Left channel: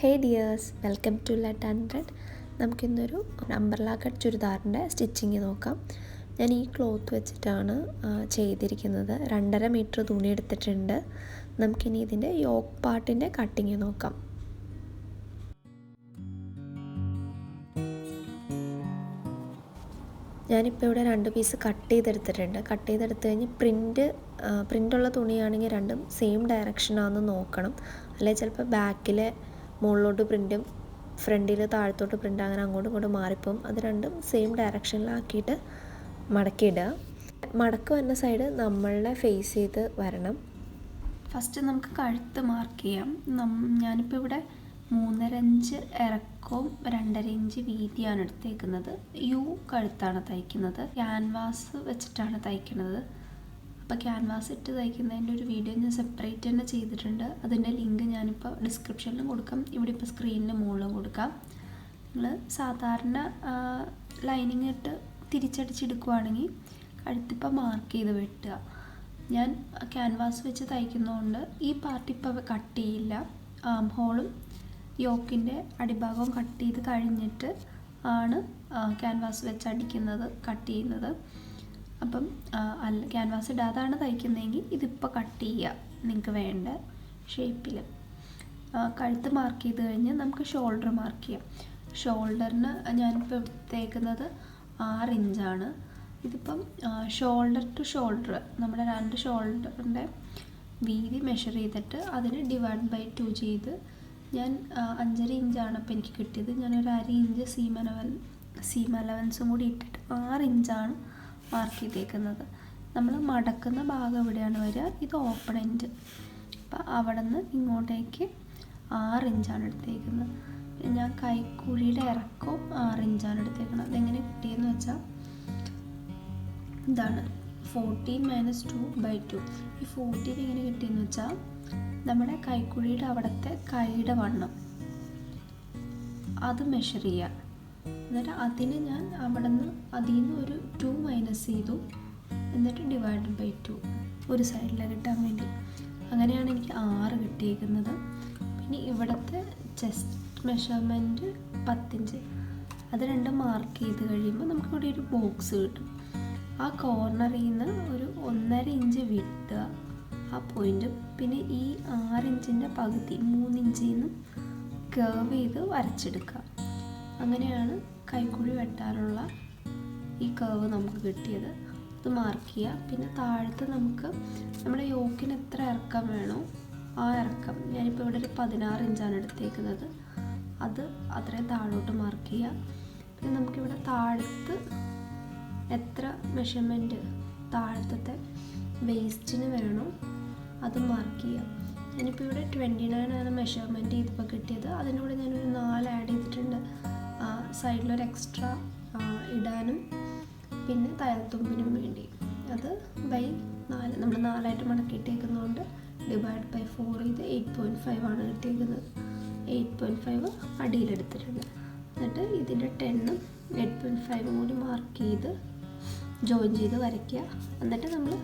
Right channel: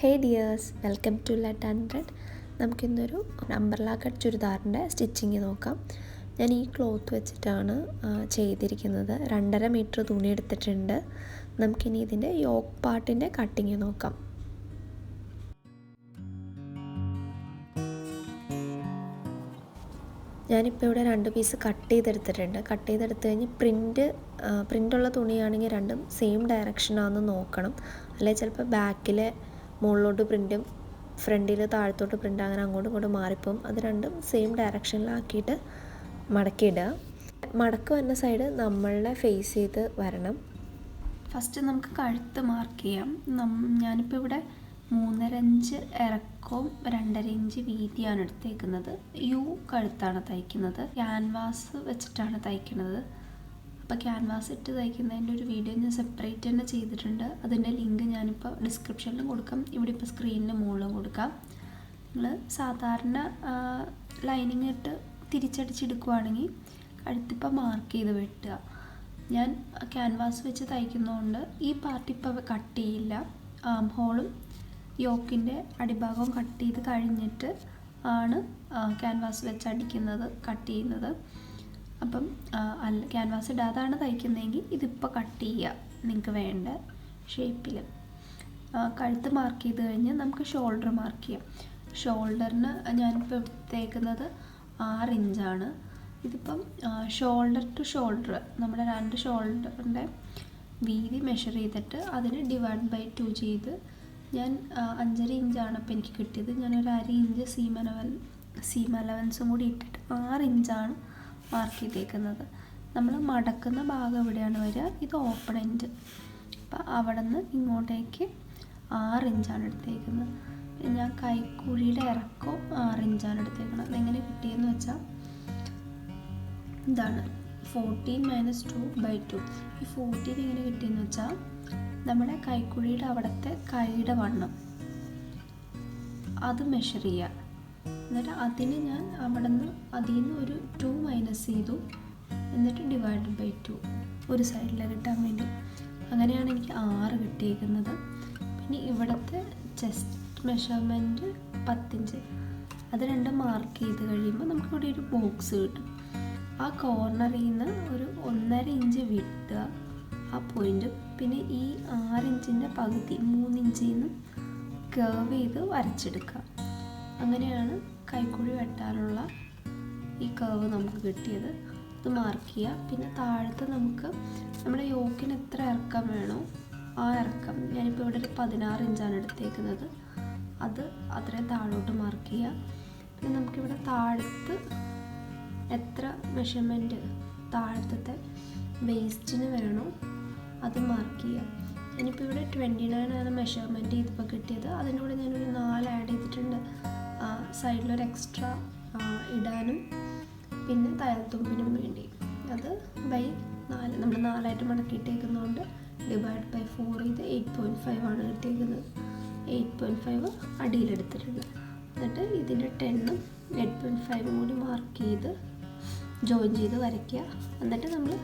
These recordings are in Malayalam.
Hey dears, welcome to let 100. നമുക്കിന്നൊരു അംബ്രല കട്ട് ചുരിദാറിൻ്റെ സ്റ്റിച്ചിങ് നോക്കാം. ഞാൻ ഈ ക്ലോത്ത് വെച്ചിട്ടാണ് ചെയ്തിരിക്കുന്നത്. 2.5 മീറ്റർ തുണി എടുത്തിട്ടുണ്ട്. നമുക്കിനി ഇതിൻ്റെ യോക്ക് പാർട്ടിൻ്റെ കട്ടിങ് നോക്കാം. ഞാനിപ്പോൾ ഇവിടെ 2 പീസ് കട്ട് ചെയ്തെടുത്തിട്ടുണ്ട്. കട്ട് ചെയ്തെടുത്ത് കഴിഞ്ഞ് പ്രിൻ്റുള്ള തുണിയാണെങ്കിൽ രണ്ടും സെയിം ഡയറക്ഷനാണെന്ന് നോക്കണം. അല്ലെങ്കിൽ ചിലപ്പോൾ ബാക്കിലെ മുകളിലോട്ട് പ്രിൻറ്റും ഫ്രണ്ടിൽ താഴത്തോട്ട് പ്രിൻ്റ് അങ്ങനെ അങ്ങോട്ടും ഇങ്ങോട്ടും മാറിപ്പോവും. അത് രണ്ടും സെയിം ഡയറക്ഷനിലാക്കിയിട്ട് മടക്കിയിടുക. മടക്ക് വരുന്ന സൈഡ് നമ്മളുടെ ഫേസ് ചെയ്ത് വരണം. ഫസ്റ്റ് നമുക്ക് കഴുത്ത് മാർക്ക് ചെയ്യാം. ഞാനിപ്പോൾ ഇവിടെ 3.5 ഇഞ്ച് ഇറക്കവും 2.5 ഇഞ്ച് വീതിയാണ് എടുത്തേക്കുന്നത്. യു കഴുത്താണ് തയ്ക്കുന്നത്. ക്യാൻവാസ് വെച്ചിട്ടാണ് തയ്ക്കുന്നത്. അപ്പോൾ ക്യാൻവാസ് ഇട്ട് തയ്ക്കുന്നതിൻ്റെ ഒരു വീഡിയോ ഞാൻ സെപ്പറേറ്റ് തന്നെ ചെയ്തിട്ടുണ്ട്. അതിൻ്റെ ലിങ്ക് ഞാനിപ്പോൾ ഡിസ്ക്രിപ്ഷനിലും കൊടുക്കാം, ഇവിടെ ഇപ്പോൾ സ്ക്രീനിന് മുകളിലും കൊടുക്കാം. നിങ്ങൾ സാധാരണ ലൈനിങ് ഇട്ട് തിരിച്ചടിച്ചെടുക്കുവാണെങ്കിൽ കഴുത്തിപ്പോൾ മാർക്ക് ചെയ്ത് വെട്ടുക. ഞാൻ ക്യാൻവാസ് വെച്ച് തയ്ക്കുന്നതുകൊണ്ട് ഈ പാർട്ട് ഇപ്പോൾ കട്ട് ചെയ്യില്ല. ആം ഹോളും യോക്കിൻ്റെ അടിഭാഗവും കട്ട് ചെയ്ത് കഴിഞ്ഞിട്ട് ആണ് ക്യാൻവാസ് വെച്ച് അടിക്കുന്നത്, കട്ട് ചെയ്യുന്നത്. അപ്പം ക്യാൻവാസ് ഇടാതാണ് തയ്ക്കുന്നതെങ്കിൽ ഇതിപ്പോൾ കട്ട് ചെയ്യുക നിങ്ങൾക്ക് വേണ്ട ഷേപ്പിൽ. കഴുത്ത് മാർക്ക് ചെയ്ത് കഴിഞ്ഞ് നമുക്ക് ഷോൾഡർ മാർക്ക് ചെയ്യാം. ഷോൾഡറിന് ഞാനിപ്പോൾ എടുത്തേക്കുന്നത് 6 ഇഞ്ചാണ്. ഇതിപ്പം ഷോൾഡർ ടു ഷോൾഡർ നമ്മുടെ 2 ഷോൾഡറിൻ്റെ വീതി മെഷർ ചെയ്തിട്ട് അതിന് /2 ചെയ്ത് ഞാൻ 5.5 ഇഞ്ചാണ് അപ്പോൾ എനിക്ക് കിട്ടിയത്. ഞാനൊരു 1/2 ഇഞ്ച് സീം അലവൻസും കൂടി ഇട്ടിട്ട് 6 ഇഞ്ചാണ് മാർക്ക് ചെയ്തേക്കുന്നത്. നമ്മൾ മടക്കുന്ന ഭാഗം എവിടെയാണ് വരിക, ഇത് ഓപ്പൺ എൻഡ്. അപ്പോൾ അവിടെ നിന്ന് ഇങ്ങോട്ടേക്ക് 6 ഇഞ്ചാണ് എടുത്തേക്കുന്നത്. ഞാൻ കൈക്കുഴിയുടെ ഇറക്കവും 6 ഇഞ്ചാണ് എടുത്തേക്കുന്നത്. അതെങ്ങനെ കിട്ടിയെന്ന് വെച്ചാൽ ഇതാണ് 14 - 2/2. ഈ 14 എങ്ങനെ കിട്ടിയെന്ന് വെച്ചാൽ നമ്മുടെ കൈക്കുഴിയുടെ അവിടുത്തെ കൈയുടെ വണ്ണം അത് മെഷർ ചെയ്യുക. എന്നിട്ട് അതിന് ഞാൻ അതിൽ നിന്ന് ഒരു 2 മൈനസ് ചെയ്തു. എന്നിട്ട് /2 ഒരു സൈഡിൽ കിട്ടാൻ വേണ്ടി. അങ്ങനെയാണ് എനിക്ക് 6 കിട്ടിയിരിക്കുന്നത്. പിന്നെ ഇവിടുത്തെ ചെസ്റ്റ് മെഷർമെൻറ്റ് 10 ഇഞ്ച്. അത് രണ്ടും മാർക്ക് ചെയ്ത് കഴിയുമ്പോൾ നമുക്കിവിടെ ഒരു ബോക്സ് കിട്ടും. ആ കോർണറിൽ നിന്ന് ഒരു 1.5 ഇഞ്ച് വിട്ടുക ആ പോയിൻറ്റും. പിന്നെ ഈ 6 ഇഞ്ചിൻ്റെ പകുതി 3 ഇഞ്ചിൽ നിന്ന് കർവ് ചെയ്ത് വരച്ചെടുക്കുക. അങ്ങനെയാണ് കൈക്കുഴി വെട്ടാനുള്ള ഈ കർവ് നമുക്ക് കിട്ടിയത്. അത് മാർക്ക് ചെയ്യുക. പിന്നെ താഴത്ത് നമുക്ക് നമ്മുടെ യോക്കിന് എത്ര ഇറക്കം വേണോ ആ ഇറക്കം, ഞാനിപ്പോൾ ഇവിടെ ഒരു 16 ഇഞ്ചാണ് എടുത്തേക്കുന്നത്, അത് അത്രയും താഴോട്ട് മാർക്ക് ചെയ്യുക. പിന്നെ നമുക്കിവിടെ താഴത്ത് എത്ര മെഷർമെൻറ്റ് താഴത്തെ വേസ്റ്റിന് വേണോ അത് മാർക്ക് ചെയ്യാം. ഞാനിപ്പോൾ ഇവിടെ 29 ആണ് മെഷർമെൻറ്റ് ചെയ്തപ്പോൾ കിട്ടിയത്. അതിൻ്റെ കൂടെ ഞാനൊരു 4 ആഡ് ചെയ്തിട്ടുണ്ട്. സൈഡിലൊരു എക്സ്ട്രാ ഇടാനും പിന്നെ തയ്യൽത്തുമ്പിനും വേണ്ടി. അത് /4 നമ്മൾ 4ആയിട്ട് മടക്കിയിട്ടേക്കുന്നതുകൊണ്ട് /4 ചെയ്ത് 8.5 ആണ് കിട്ടിയിരിക്കുന്നത്. 8.5 അടിയിലെടുത്തിട്ടുണ്ട്. എന്നിട്ട് ഇതിൻ്റെ 10ഉം 8.5 കൂടി മാർക്ക് ചെയ്ത് ജോയിൻ ചെയ്ത് വരയ്ക്കുക. എന്നിട്ട് നമ്മൾ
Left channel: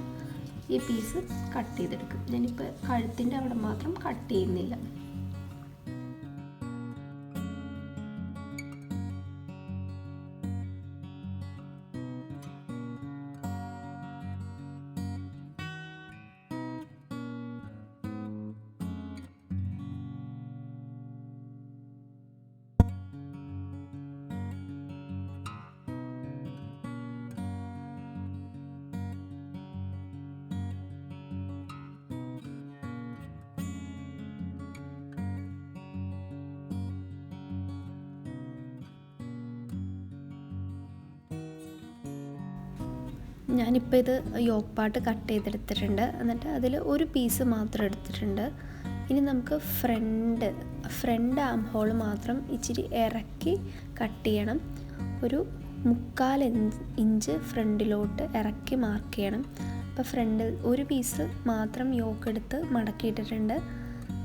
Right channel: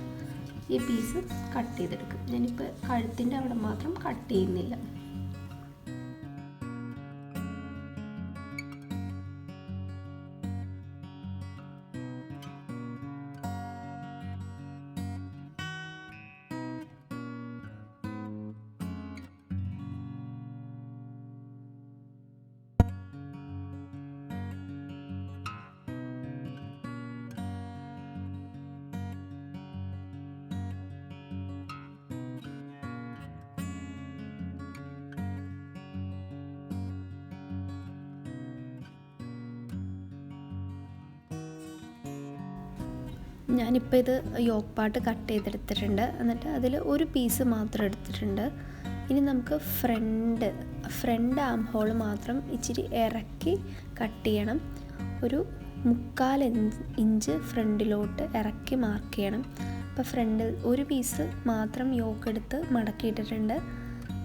ഈ പീസ് കട്ട് ചെയ്തെടുക്കും. ഞാനിപ്പോൾ കഴുത്തിൻ്റെ അവിടെ മാത്രം കട്ട് ചെയ്യുന്നില്ല. ഞാനിപ്പോൾ ഇത് യോക്ക് പാർട്ട് കട്ട് ചെയ്തെടുത്തിട്ടുണ്ട്. എന്നിട്ട് അതിൽ ഒരു പീസ് മാത്രം എടുത്തിട്ടുണ്ട്. ഇനി നമുക്ക് ഫ്രണ്ട് ആം ഹോൾ മാത്രം ഇച്ചിരി ഇറക്കി കട്ട് ചെയ്യണം. ഒരു 3/4 ഇഞ്ച് ഫ്രണ്ടിലോട്ട് ഇറക്കി മാർക്ക് ചെയ്യണം. അപ്പോൾ ഫ്രണ്ടിൽ ഒരു പീസ് മാത്രം യോക്ക് എടുത്ത് മടക്കിയിട്ടിട്ടുണ്ട്.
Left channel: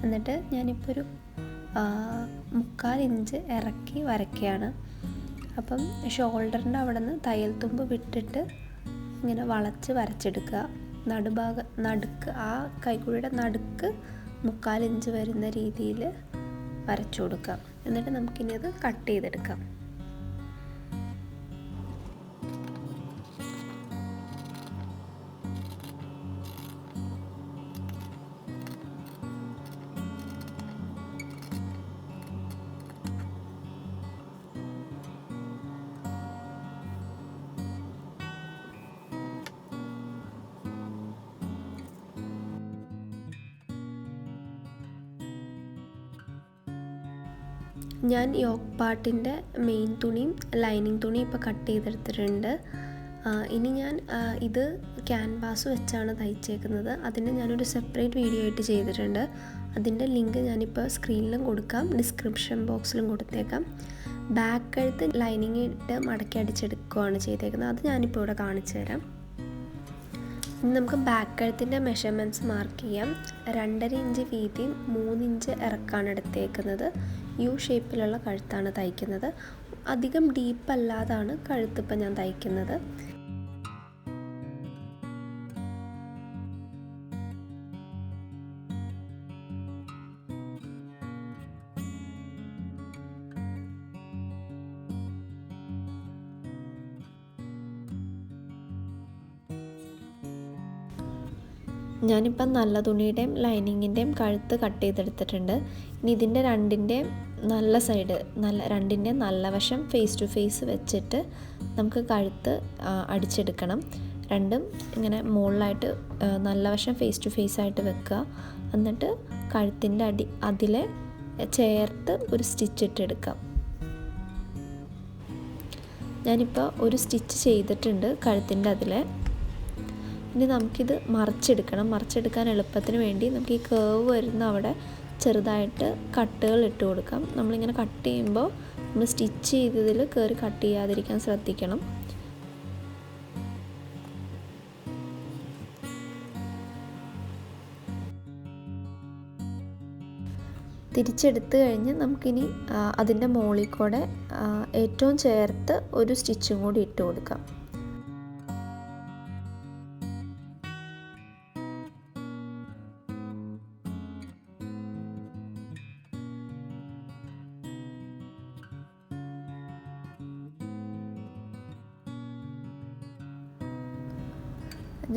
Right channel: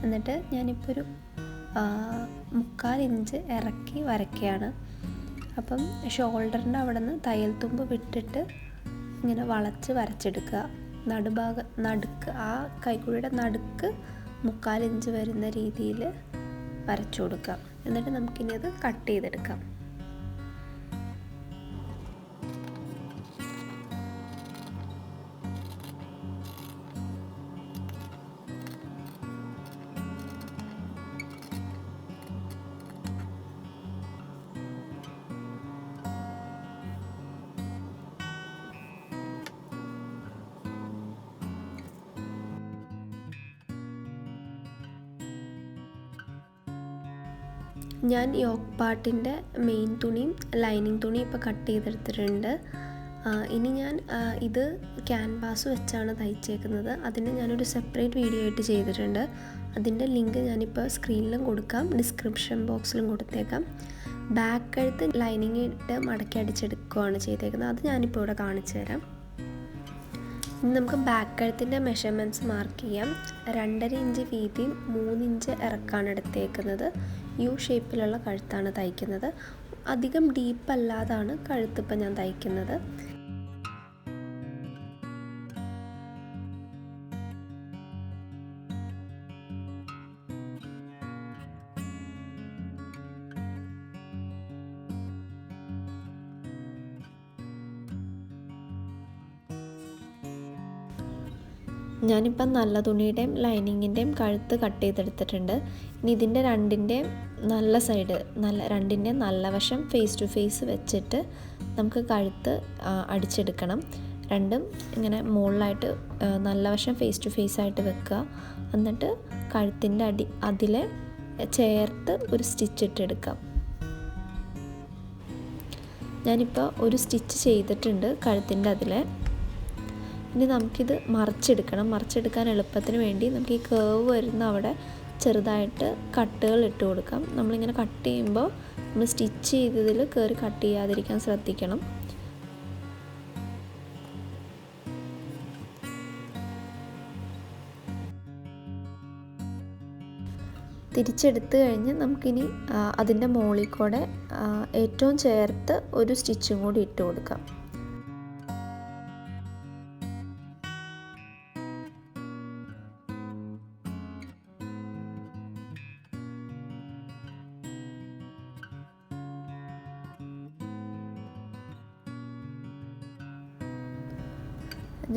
എന്നിട്ട് ഞാനിപ്പോൾ ഒരു 3/4 ഇഞ്ച് ഇറക്കി വരയ്ക്കുകയാണ്. അപ്പം ഷോൾഡറിൻ്റെ അവിടെ നിന്ന് തയ്യൽ തുമ്പ് വിട്ടിട്ട് ഇങ്ങനെ വളച്ച് വരച്ചെടുക്കുക. നടുക്ക് ആ കൈക്കുഴിയുടെ നടുക്ക് 3/4 ഇഞ്ച് വരുന്ന രീതിയിൽ വരച്ചു കൊടുക്കുക. എന്നിട്ട് നമുക്കിനി അത് കട്ട് ചെയ്തെടുക്കാം. ഞാൻ യോക്ക് പാർട്ടിൻ്റെ മെയിൻ തുണിയും ലൈനിങ് തുണിയും ഇപ്പോൾ കട്ട് ചെയ്തെടുത്തിട്ടുണ്ട്. ഇനി ഞാൻ ഇത് ക്യാൻവാസ് വെച്ചാണ് തയ്ച്ചേക്കുന്നത്. അതിന് ഞാനൊരു സെപ്പറേറ്റ് വീഡിയോ ആയിട്ട് ചെയ്തിട്ടുണ്ട്. അതിൻ്റെ ലിങ്ക് ഞാനിപ്പോൾ സ്ക്രീനിലും കൊടുക്കാം, ഡിസ്ക്രിപ്ഷൻ ബോക്സിലും കൊടുത്തേക്കാം. ബാക്ക് കഴുത്ത് ലൈനിങ് ഇട്ട് മടക്കി അടിച്ചെടുക്കുകയാണ് ചെയ്തേക്കുന്നത്. അത് ഞാനിപ്പോൾ ഇവിടെ കാണിച്ചു തരാം. ഇനി നമുക്ക് ബാക്ക് കഴുത്തിൻ്റെ മെഷർമെൻറ്റ്സ് മാർക്ക് ചെയ്യാം. 2.5 ഇഞ്ച് വീതിയും 3 ഇഞ്ച് ഇറക്കാണ് എടുത്തേക്കുന്നത്. യു ഷേപ്പിലുള്ള കഴുത്താണ് തയ്ക്കുന്നത്. അധികം ഡീപ്പല്ലാതാണ് കഴുത്തിപ്പോൾ ഞാൻ തയ്ക്കുന്നത്. ഞാനിപ്പം നല്ല തുണിയുടെയും ലൈനിങ്ങിൻ്റെയും കഴുത്ത് കട്ട് ചെയ്തെടുത്തിട്ടുണ്ട്. ഇനി ഇതിൻ്റെ രണ്ടിൻ്റെയും നല്ല സൈഡ് രണ്ടിൻ്റെയും നല്ല വശം ഫേസ് ടു ഫേസ് വെച്ചിട്ട് നമുക്ക് കഴുത്ത് അടിച്ചെടുക്കണം. രണ്ടും ഇങ്ങനെ മുകളിലായിട്ട് നല്ല വശം ഫേസ് ടു ഫേസ് ആയിട്ട് വെക്കുക. എന്നിട്ട് കഴുത്തിൻ്റെ അതിലെ ചേർത്ത് ഒരു സ്റ്റിച്ച് ഇട്ടെടുക്കാം. ഞാനിപ്പോൾ ഒരു സ്റ്റിച്ച് ചെയ്തിട്ടുണ്ട് കഴുത്തിൻ്റെ അതിലെ. ഇനി നമുക്കിത് മറിച്ചെടുക്കാൻ എളുപ്പത്തിന് വേണ്ടി നമുക്ക് ഈ കേവ് വരുന്ന അവിടെ ചെറുതായിട്ട് കട്ടുകൾ ഇട്ട് കൊടുക്കാം. നമ്മളിങ്ങനെ കട്ട് ചെയ്യുമ്പോൾ നമ്മൾ സ്റ്റിച്ച് ചെയ്തതിൽ കയറി കട്ട് ചെയ്യാതിരിക്കാൻ ശ്രദ്ധിക്കണം. തിരിച്ചെടുത്ത് കഴിഞ്ഞ് നമുക്കിനി അതിൻ്റെ മുകളിൽ കൂടെ ഏറ്റവും ചേർത്ത് ഒരു സ്റ്റിച്ചും കൂടി ഇട്ട് കൊടുക്കാം.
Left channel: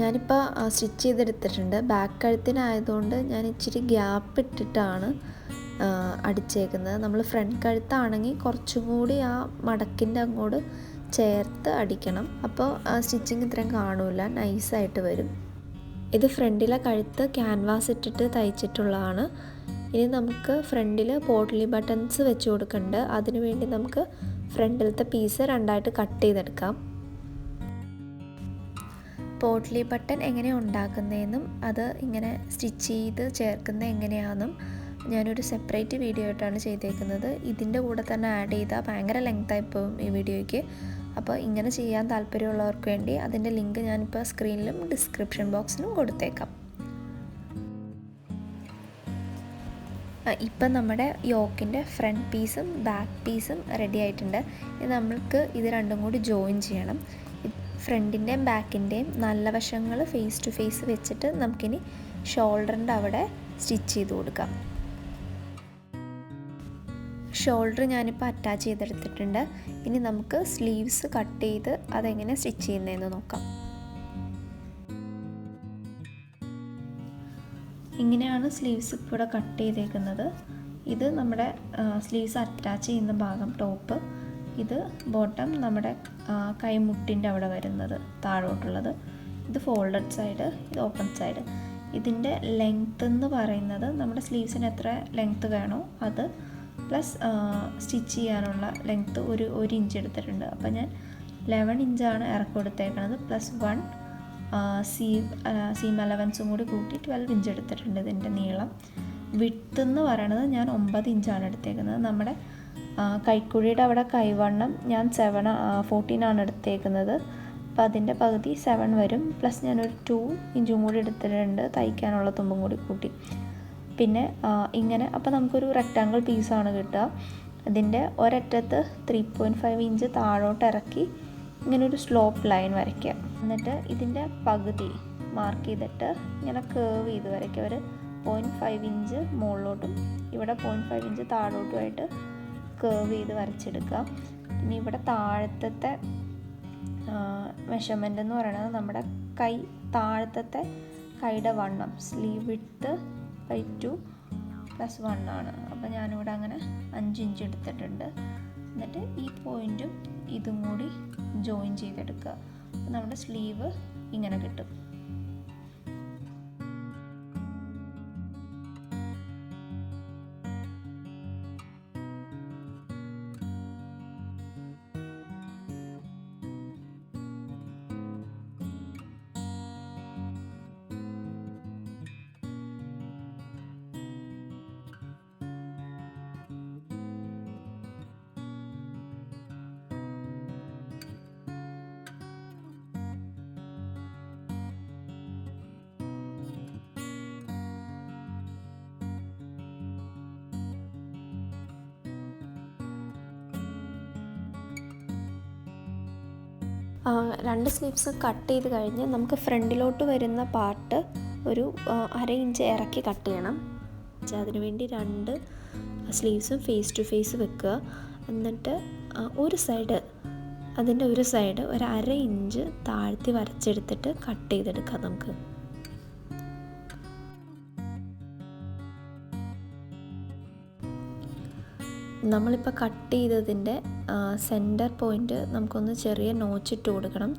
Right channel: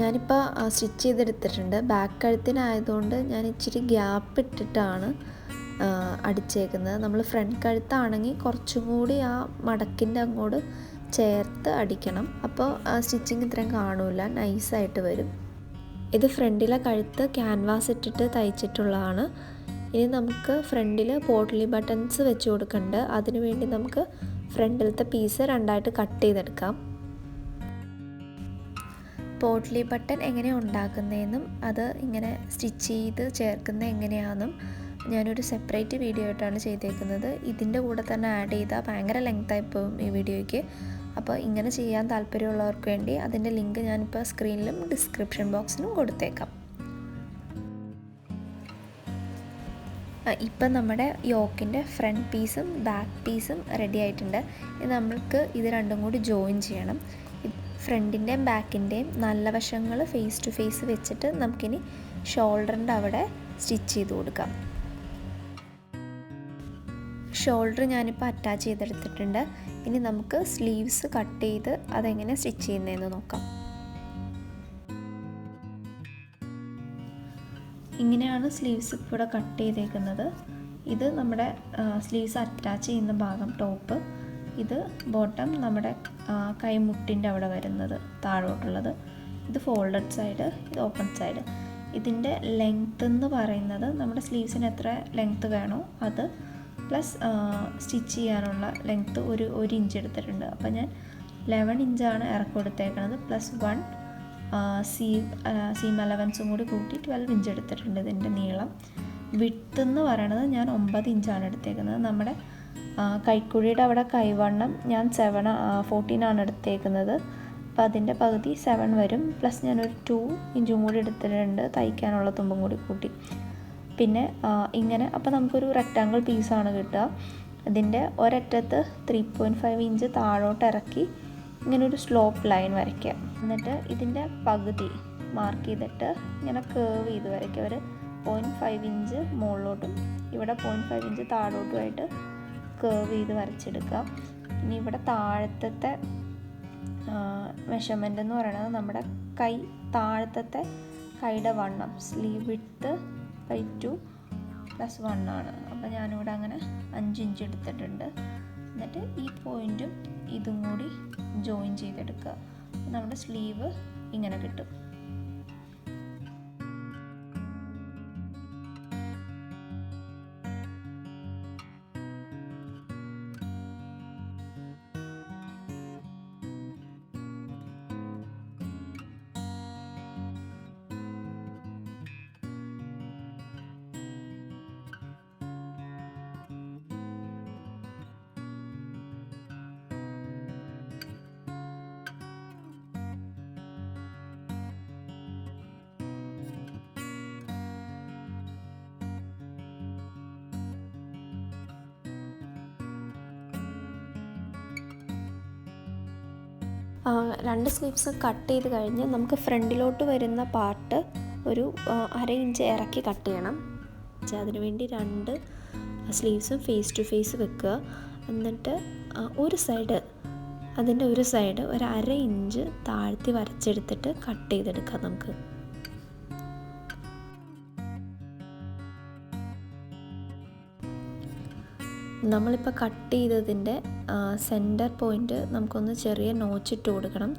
ഞാനിപ്പോൾ സ്റ്റിച്ച് ചെയ്തെടുത്തിട്ടുണ്ട്. ബാക്ക് കഴുത്തിനായതുകൊണ്ട് ഞാൻ ഇച്ചിരി ഗ്യാപ്പ് ഇട്ടിട്ടാണ് അടിച്ചേക്കുന്നത്. നമ്മൾ ഫ്രണ്ട് കഴുത്താണെങ്കിൽ കുറച്ചും കൂടി ആ മടക്കിൻ്റെ അങ്ങോട്ട് ചേർത്ത് അടിക്കണം. അപ്പോൾ സ്റ്റിച്ചിങ് ഇത്രയും കാണില്ല, നൈസായിട്ട് വരും. ഇത് ഫ്രണ്ടിലെ കഴുത്ത് ക്യാൻവാസ് ഇട്ടിട്ട് തയ്ച്ചിട്ടുള്ളതാണ്. ഇനി നമുക്ക് ഫ്രണ്ടിൽ പോട്ട്ലി ബട്ടൺസ് വെച്ച് കൊടുക്കുന്നുണ്ട്. അതിനു വേണ്ടി നമുക്ക് ഫ്രണ്ടിലത്തെ പീസ് രണ്ടായിട്ട് കട്ട് ചെയ്തെടുക്കാം. പോട്ട്ലി ബട്ടൺ എങ്ങനെ ഉണ്ടാക്കുന്നതെന്നും അത് ഇങ്ങനെ സ്റ്റിച്ച് ചെയ്ത് ചേർക്കുന്നത് എങ്ങനെയാണെന്നും ഞാനൊരു സെപ്പറേറ്റ് വീഡിയോ ആയിട്ടാണ് ചെയ്തേക്കുന്നത്. ഇതിൻ്റെ കൂടെ തന്നെ ആഡ് ചെയ്താൽ ഭയങ്കര ലെങ്തായി പോകും ഈ വീഡിയോയ്ക്ക്. അപ്പോൾ ഇങ്ങനെ ചെയ്യാൻ താല്പര്യമുള്ളവർക്ക് വേണ്ടി അതിൻ്റെ ലിങ്ക് ഞാനിപ്പോൾ സ്ക്രീനിലും ഡിസ്ക്രിപ്ഷൻ ബോക്സിലും കൊടുത്തേക്കാം. ഇപ്പം നമ്മുടെ യോക്കിൻ്റെ ഫ്രണ്ട് പീസും ബാക്ക് പീസും റെഡി ആയിട്ടുണ്ട്. ഇനി നമ്മൾക്ക് ഇത് രണ്ടും കൂടി ജോയിൻ ചെയ്യണം. ഫ്രണ്ടിൻ്റെയും ബാക്കിൻ്റെയും നല്ല വശങ്ങൾ ഫേസ് ടു ഫേസ് വെച്ചിട്ട് നമുക്കിനി ഷോൾഡറിൻ്റെ അവിടെ സ്റ്റിച്ച് ചെയ്ത് കൊടുക്കാം. ഷോൾഡർ ഞാനിപ്പോൾ അറ്റാച്ച് ചെയ്തെടുത്തിട്ടുണ്ട്. ഇനി നമുക്ക് സ്ലീവ്സ് കട്ട് ചെയ്ത് അതെങ്ങനെ സ്റ്റിച്ച് ചെയ്യുന്നതെന്ന് നോക്കാം. ഇങ്ങനെയാണ് സ്ലീവ്സ് ഇപ്പോൾ ഇവിടെ കട്ട് ചെയ്തേക്കുന്നത്. ഇത് നമ്മുടെ സ്ലീവ്സ് അറ്റാച്ച് ചെയ്യുന്ന ഭാഗം ടോപ്പ്. ഇത് ബോട്ടം നമ്മുടെ കൈമുട്ടിൻ്റെ അവിടെ വരുന്നത് താഴോട്ടുള്ളത്. ഇത് ഫോൾഡഡ് സൈഡ്, ഇത് ഓപ്പൺ സൈഡ്. ഇതിൻ്റെ ലെങ്ത്ത് എന്ന് പറയുന്നത് നമ്മുടെ സ്ലീവ്സിന് എത്ര ലെങ്ത്ത് വേണോ അത് പ്ലസ് സ്റ്റിച്ച് ചെയ്യാനുള്ള ലെങ്ത്ത് ഒരു ഇഞ്ച് എടുത്തിട്ടുണ്ട്. അപ്പോൾ ഞാൻ 11 ഇഞ്ചാണ് ഇറക്കി കൊടുത്തേക്കണത്. പ്ലസ് 1 സീം അലവൻസും കൂടി കൂട്ടി 12 ഇഞ്ച് എടുത്തിട്ടുണ്ട് ഇതിൻ്റെ നീളം. വിഡ്ത്ത് എന്ന് പറയണത് ഞാൻ 9 ഇഞ്ചാണ് എടുത്തേക്കുന്നത്. നമ്മുടെ കൈക്കുഴിയുടെ അവിടെ കൈവണ്ണം ഞാൻ 14 എടുത്തേക്കുന്നത്. അപ്പോൾ അതിൻ്റെ പകുതി 7 വരും. പ്ലസ് ഞാനൊരു 2 ഇഞ്ചും കൂടി എടുത്തിട്ടുണ്ട് തയ്ക്കാനുള്ള തുമ്പും കൂടി കൂട്ടി. പിന്നെ ഇങ്ങനെ അപ്പോൾ നമുക്കൊരു റെക്റ്റാങ്കിൾ പീസാണ് കിട്ടുക. ഇതിൻ്റെ ഒരറ്റത്ത് 3.5 ഇഞ്ച് താഴോട്ട് ഇറക്കി ഇങ്ങനെ ഒരു സ്ലോപ്പ് ലൈൻ വരയ്ക്കുക. എന്നിട്ട് ഇതിൻ്റെ പകുതി മാർക്ക് ചെയ്തിട്ട് ഇങ്ങനെ കേർവ് ചെയ്ത് വരയ്ക്കുക. ഒരു 0.5 ഇഞ്ച് മുകളിലോട്ടും ഇവിടെ 0.5 ഇഞ്ച് താഴോട്ടുമായിട്ട് കേർവ് ചെയ്ത് വരച്ചെടുക്കുക. ഇനി ഇവിടെ താഴത്തെ മെഷർമെൻ്റ് എന്ന് പറയുന്നത് നമ്മുടെ കൈ താഴത്തെ കൈയുടെ വണ്ണം, സ്ലീവ് വിഡ്ത്ത് ബൈ 2 + 1 ആണ്. അപ്പോൾ ഞാനിവിടെ അങ്ങനെ 5 ഇഞ്ച് എടുത്തിട്ടുണ്ട്. എന്നിട്ട് ഈ പോയിൻറ്റും ഇതും കൂടി ജോയിൻ ചെയ്തെടുക്കുക. അപ്പോൾ നമ്മുടെ സ്ലീവ് ഇങ്ങനെ കിട്ടും. രണ്ട് സ്ലീവ്സ് കട്ട് ചെയ്ത് കഴിഞ്ഞ് നമുക്ക് ഫ്രണ്ടിലോട്ട് വരുന്ന പാർട്ട് ഒരു 1/2 ഇഞ്ച് ഇറക്കി കട്ട് ചെയ്യണം. അതിനുവേണ്ടി രണ്ട് സ്ലീവ്സും ഫേസ് ടു ഫേസ് വെക്കുക. എന്നിട്ട് അതിൻ്റെ ഒരു സൈഡ് ഒരു 1/2 ഇഞ്ച് താഴ്ത്തി വരച്ചെടുത്തിട്ട് കട്ട് ചെയ്തെടുക്കാം നമുക്ക്. നമ്മളിപ്പോൾ കട്ട് ചെയ്തതിൻ്റെ സെൻറ്റർ പോയിൻറ്റ് നമുക്കൊന്ന് ചെറിയ നോച്ചിട്ട് കൊടുക്കണം.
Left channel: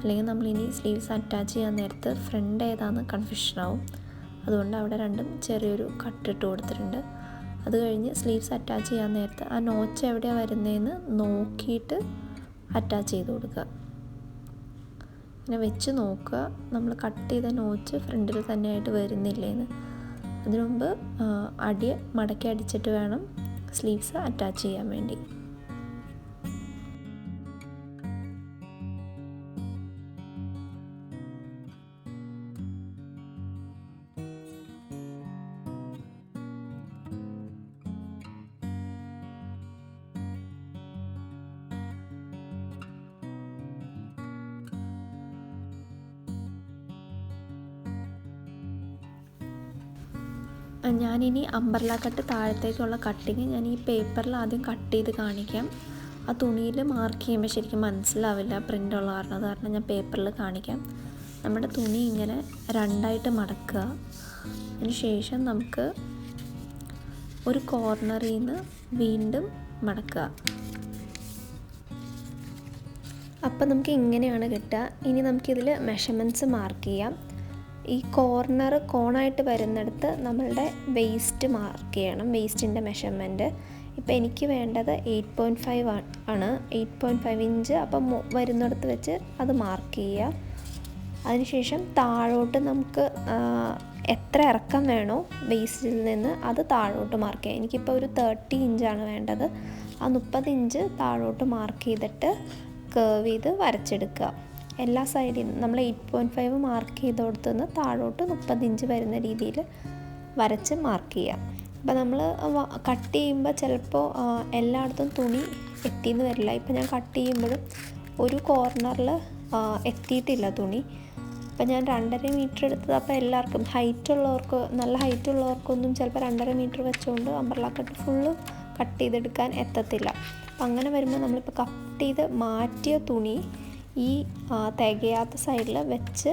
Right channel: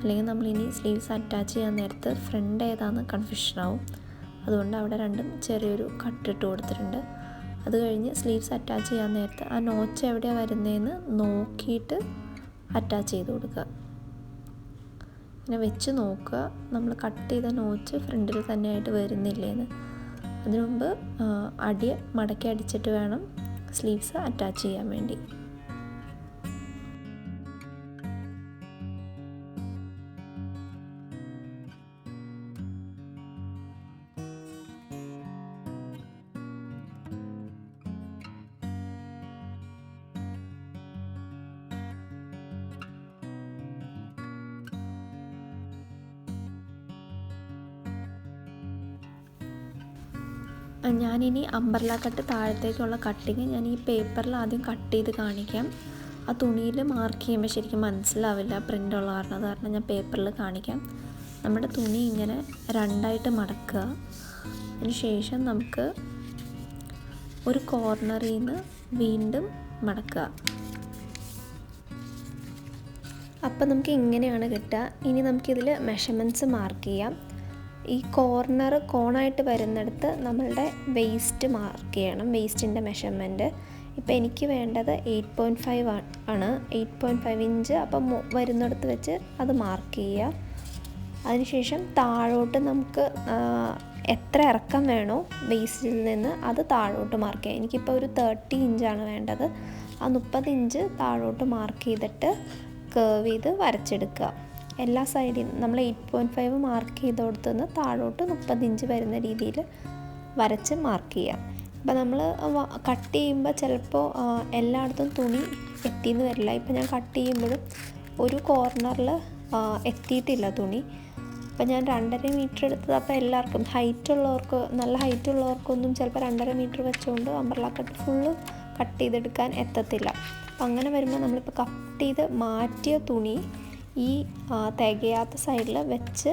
അല്ലെങ്കിൽ നമ്മളിനി സ്ലീവ്സ് അറ്റാച്ച് ചെയ്യാൻ നേരത്ത് ഫ്രണ്ട് ഏതാണെന്ന് കൺഫ്യൂഷനാവും. അതുകൊണ്ട് അവിടെ രണ്ടും ചെറിയൊരു കട്ടിട്ട് കൊടുത്തിട്ടുണ്ട്. അത് കഴിഞ്ഞ് സ്ലീവ്സ് അറ്റാച്ച് ചെയ്യാൻ നേരത്ത് ആ നോച്ച് എവിടെയാണ് വരുന്നതെന്ന് നോക്കിയിട്ട് അറ്റാച്ച് ചെയ്ത് കൊടുക്കുക. ഇങ്ങനെ വെച്ച് നോക്കുക നമ്മൾ കട്ട് ചെയ്ത നോച്ച് ഫ്രണ്ടിൽ തന്നെയായിട്ട് വരുന്നില്ലേന്ന്. അതിനു മുമ്പ് അടി മടക്കി അടിച്ചിട്ട് വേണം സ്ലീവ്സ് അറ്റാച്ച് ചെയ്യാൻ വേണ്ടി. ഞാനിനി അംബ്രല കട്ട് താഴത്തേക്കുള്ള കട്ടിങ് ഞാൻ ഈ പേപ്പറിൽ ആദ്യം കട്ട് ചെയ്ത് കാണിക്കാം. ആ തുണിയിൽ മാർക്ക് ചെയ്യുമ്പോൾ ശരിക്കും മനസ്സിലാവില്ല പ്രിൻ്റുള്ള കാരണം ഞാൻ പേപ്പറിൽ കാണിക്കാം. നമ്മുടെ തുണി ഇങ്ങനെ രണ്ടായിട്ട് മടക്കുക. അതിന് ശേഷം നമുക്ക് ഒരു കോർണറിൽ നിന്ന് വീണ്ടും മടക്കുക. അപ്പം നമുക്ക് ഇങ്ങനെയാണ് കിട്ടുക. ഇനി നമുക്കിതിൽ മെഷർമെൻറ്റ്സ് മാർക്ക് ചെയ്യാം. ഈ കോണായിട്ട് വരുന്നിടത്ത് നമ്മളുടെ വെയ്സ്റ്റ് മാർക്ക് ചെയ്യണം, വെയ്സ്റ്റിൻ്റെ മെഷർമെൻറ്റ്. ഇപ്പോൾ എനിക്ക് വേണ്ടത് 8.5 ആണ്, 8.5 ഇഞ്ച്. അപ്പം വരുന്നിടത്ത് വെച്ച് അത് മാർക്ക് ചെയ്യുക. അതിനുശേഷം താഴോട്ട് നമുക്ക് എത്ര ഇറക്കം വേണോ വെയ്സ്റ്റിൽ നിന്ന് അത് താഴോട്ട് മാർക്ക് ചെയ്യുക. എനിക്കിപ്പോൾ ഒരു 30 ഇഞ്ചാണ് വേണ്ടത്. ആ 30 ഇഞ്ച് താഴോട്ട് മാർക്ക് ചെയ്തിട്ട് കേർവ് ചെയ്ത് വരച്ചെടുക്കുക. എല്ലാ സൈഡിൽ നിന്ന് നമ്മൾ 8.5 മാർക്ക് ചെയ്ത് കൊടുത്തുനിന്ന് താഴോട്ട് 30 ഇഞ്ച് വരുന്ന രീതിയിൽ വരച്ച് മാർക്ക് ചെയ്യാം. അപ്പോൾ നമ്മൾ കട്ട് ചെയ്യുമ്പോൾ ചിലപ്പോൾ എല്ലായിടത്തും തുണി എത്തിയെന്ന് വരില്ല. ഇപ്പോൾ ഞാൻ കട്ട് ചെയ്യുമ്പോഴും ഒരു കോർണറിൽ എത്തിയിട്ടില്ല തുണി. അപ്പോൾ ഞാൻ 2.5 മീറ്റർ എടുത്തത്. അപ്പോൾ എല്ലാവർക്കും നല്ല ഹൈറ്റുള്ളവർക്കൊന്നും ചിലപ്പോൾ 2.5 മീറ്റർ വെച്ചുകൊണ്ട് അംബ്രല കട്ട് ഫുള്ള് കട്ട് ചെയ്തെടുക്കാൻ എത്തത്തില്ല. അപ്പം അങ്ങനെ വരുമ്പോൾ നമ്മളിപ്പോൾ കട്ട് ചെയ്ത് മാറ്റിയ തുണി ഈ തികയാത്ത സൈഡിൽ വെച്ച്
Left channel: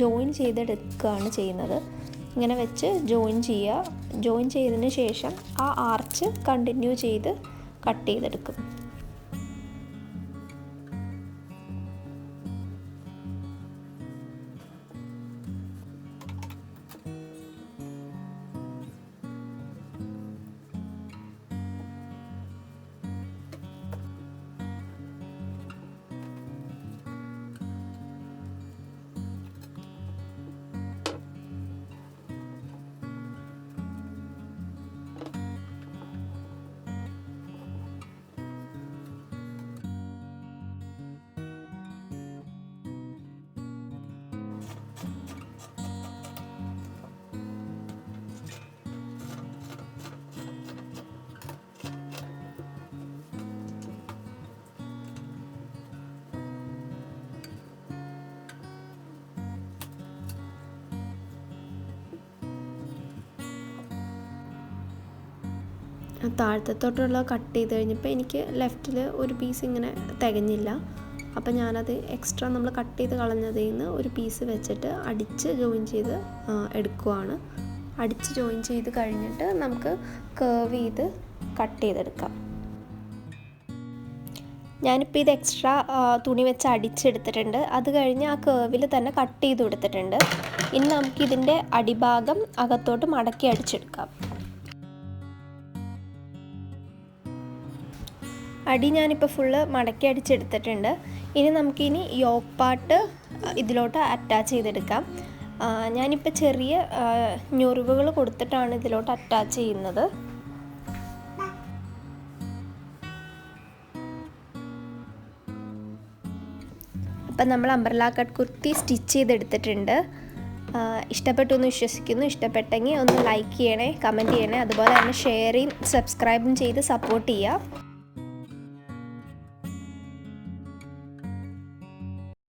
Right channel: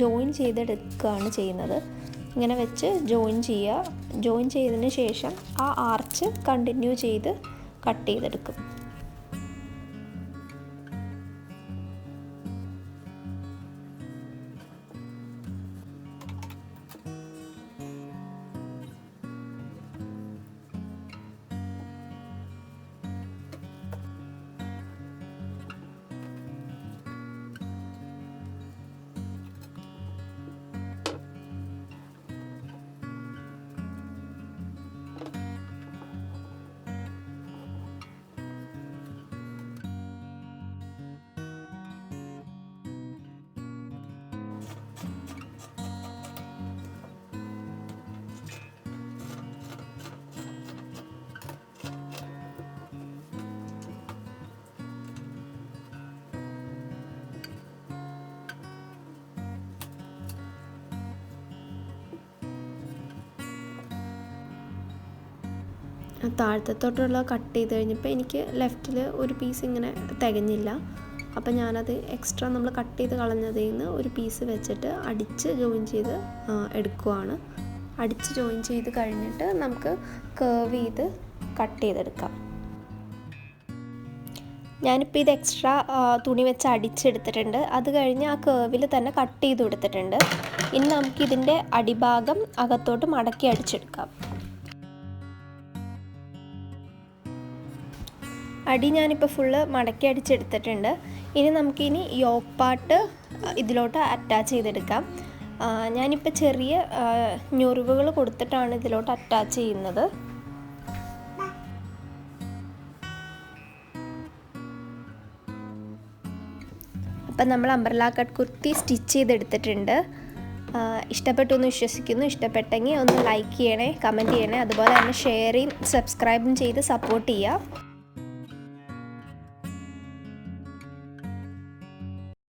ജോയിൻ ചെയ്തെടുക്കുകയാണ് ചെയ്യുന്നത്. ഇങ്ങനെ വെച്ച് ജോയിൻ ചെയ്തതിന് ശേഷം ആ ആർച്ച് കണ്ടിന്യൂ ചെയ്ത് കട്ട് ചെയ്തെടുക്കും. താഴത്തോട്ടുള്ള കട്ട് ചെയ്ത് കഴിഞ്ഞപ്പോൾ എനിക്ക് ലെഫ്റ്റിൽ ഒരു പീസ് ഇങ്ങനെ തികഞ്ഞില്ല. അപ്പോൾ ഞാനത് എക്സ്ട്രാ നമ്മൾ കട്ട് ചെയ്ത് കളഞ്ഞതിൽ നിന്ന് ഒരു പീസ് വെച്ചിട്ട് അടിച്ച് ജോയിൻ ചെയ്ത് എടുക്കുവാണ്. അടിച്ച് ജോയിൻ ചെയ്ത് കഴിഞ്ഞിട്ട് നമുക്ക് കർവ് ചെയ്ത് കട്ട് ചെയ്തെടുക്കാം. ഞാനിപ്പോൾ ഇത് എക്സ്ട്രാ തുണി വെച്ച് അടിച്ചെടുത്തിട്ടുണ്ട്. അത് കഴിഞ്ഞ് ആ കർവിൽ തന്നെ കട്ട് ചെയ്ത് കൊടുത്തിട്ടുണ്ട്. ഇനി നമുക്കിതിൻ്റെ അടിഭാഗം അകത്തോട്ട് മടക്കി അടിച്ചെടുക്കാം. അടി ഞാനിപ്പോൾ ഫുള്ള് മടക്കി അടിച്ചെടുത്തിട്ടുണ്ട്. ഇനി നമുക്കിനി യോക്ക് പാർട്ട് ഇതിലോട്ട് അറ്റാച്ച് ചെയ്തെടുക്കാം. ഞാനിപ്പോൾ ചെറിയ ഞൊറിവുകൾ കൊടുത്തിട്ടാണ് ഇതിലോട്ട് അറ്റാച്ച് ചെയ്യുന്നത്. അപ്പം നമ്മൾ അംബ്രല കട്ട് കുർത്തി സ്റ്റിച്ച് ചെയ്തെടുത്തിട്ടുണ്ട്. ഇഷ്ടപ്പെട്ടു എന്ന് വിശ്വസിക്കുന്നു. ഇഷ്ടപ്പെട്ടെങ്കിൽ ഒന്ന് ലൈക്ക് ചെയ്യണേ, കമൻറ്റ് ചെയ്യണേ, അതുപോലെ തന്നെ ഷെയറും സബ്സ്ക്രൈബും ചെയ്ത് സപ്പോർട്ട് ചെയ്യുക.